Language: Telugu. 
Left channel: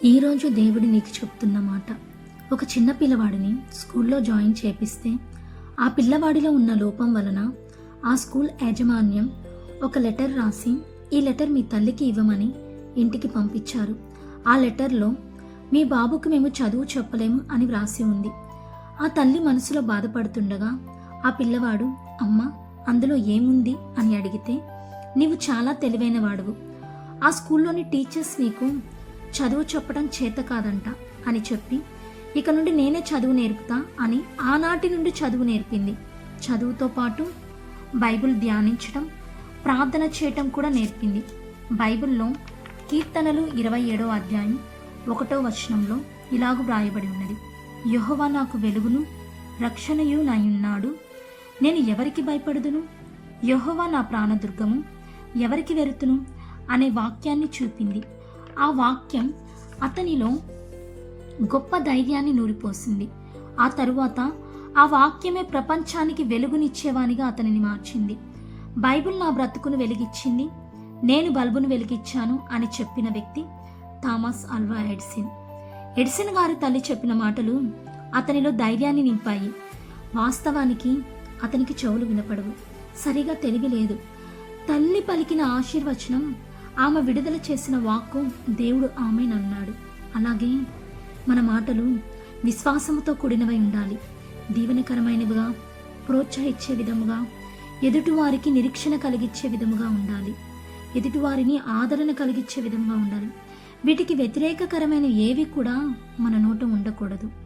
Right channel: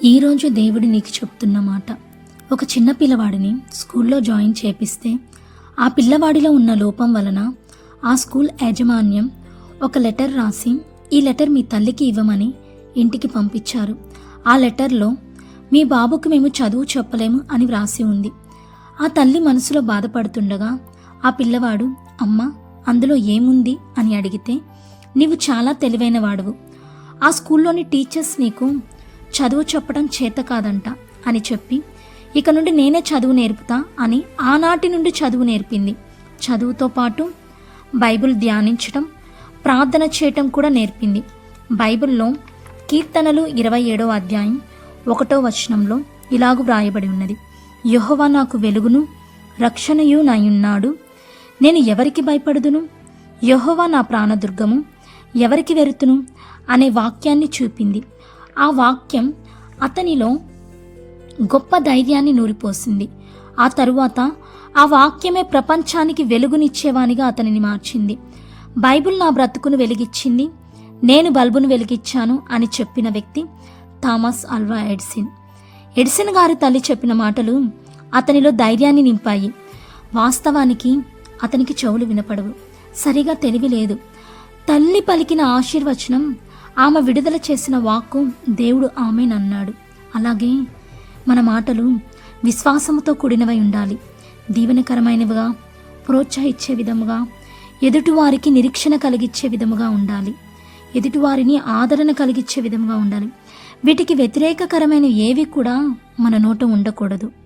ఈరోజు దేవుడు నీకు చెప్తున్న మాట. ఒక చిన్న పిల్లవాడిని స్కూల్లో జాయిన్ చేపిస్తే ఆ పిల్లవాడిలో ఉన్న లోపం వలన ఆ స్కూల్ యాజమాన్యం ఒక లెటర్ రాసి ఈ లెటర్ మీ తల్లికి ఇవ్వమని ఇంటికి పంపించారు. ఆ లెటర్లో మీ బాబుకు మేము చదువు చెప్పలేము అని వ్రాసి ఉంది. ఆ తల్లి మనసులో బాధపడుతుండగా ఆ పిల్లవాడు అమ్మ అందులో ఏముంది? అని అడిగితే నీవు చాలా తెలివైన వాడువు ఆ స్కూల్లోని టీచర్స్ నీకు చదువు చెప్పడం చేత కాదంట అని చెప్పి ఇక నుండి నేనే చదువు నేర్పుతా అని ఆనాటి నుండి చదువు నేర్పింది. చదువుతో పాటు బైబిల్ ధ్యానించడం ప్రార్థన చేయటం కూడా నేర్పింది. బైబిల్లో కీర్తనలు ఇరవై ఏడవ అధ్యాయం ఒకటో వచనంలో ఇలాగు వ్రాయబడి ఉన్నది. యహోవా నాకు వెలుగును రక్షణయు నాయున్నాడు నేను ఎవరికి భయపడుదును? యహోవా నా ప్రాణదుర్గము ఎవరికి వెరుతును? అనే వాక్యాన్ని చూపింది. ఆ వాక్యం అతనిలో గొప్ప ధైర్యాన్ని నూరిపోసింది. ఆ తరువాత ఆ వాక్యమే ప్రపంచానికి వెలుగునిచ్చేవానిగా అతనిని మార్చింది. బైబిల్ నా బ్రతుకును వెలిగిచ్చింది నేను బల్బును వెలిగించాను అని చెప్పిన వ్యక్తి థామస్ అల్వా ఎడ్సిన్. ఎడిసిన్ గారి తల్లి చెప్పిన మాటలు అతనిలో ధైర్యాన్ని నింపాయి. వాస్తవానికి అతనికి చెవులు వినపడవు. సరిగా తెలివి లేదు. తల్లి పలికిన ఆశీర్వచనం ఆమె విడుదల చేసిన వాక్కు దేవుడు ఆమెనన్నాడు అలాగే మన మాటలు విశ్వాసముతో కూడినవై ఉండాలి. దీవెనకరమైనవిగా ప్రోత్సహించే విధముగా ఎదుటివారికి నిరీక్షణ కలిగించే విధముగా ఉండాలి. ఎదుటివారిని ఆదరణ కలిగించే విధముగా ఉండాలి. వీటికి వ్యతిరేకకరమైన ఏవి కూడా మన నోట ఉండకూడదు.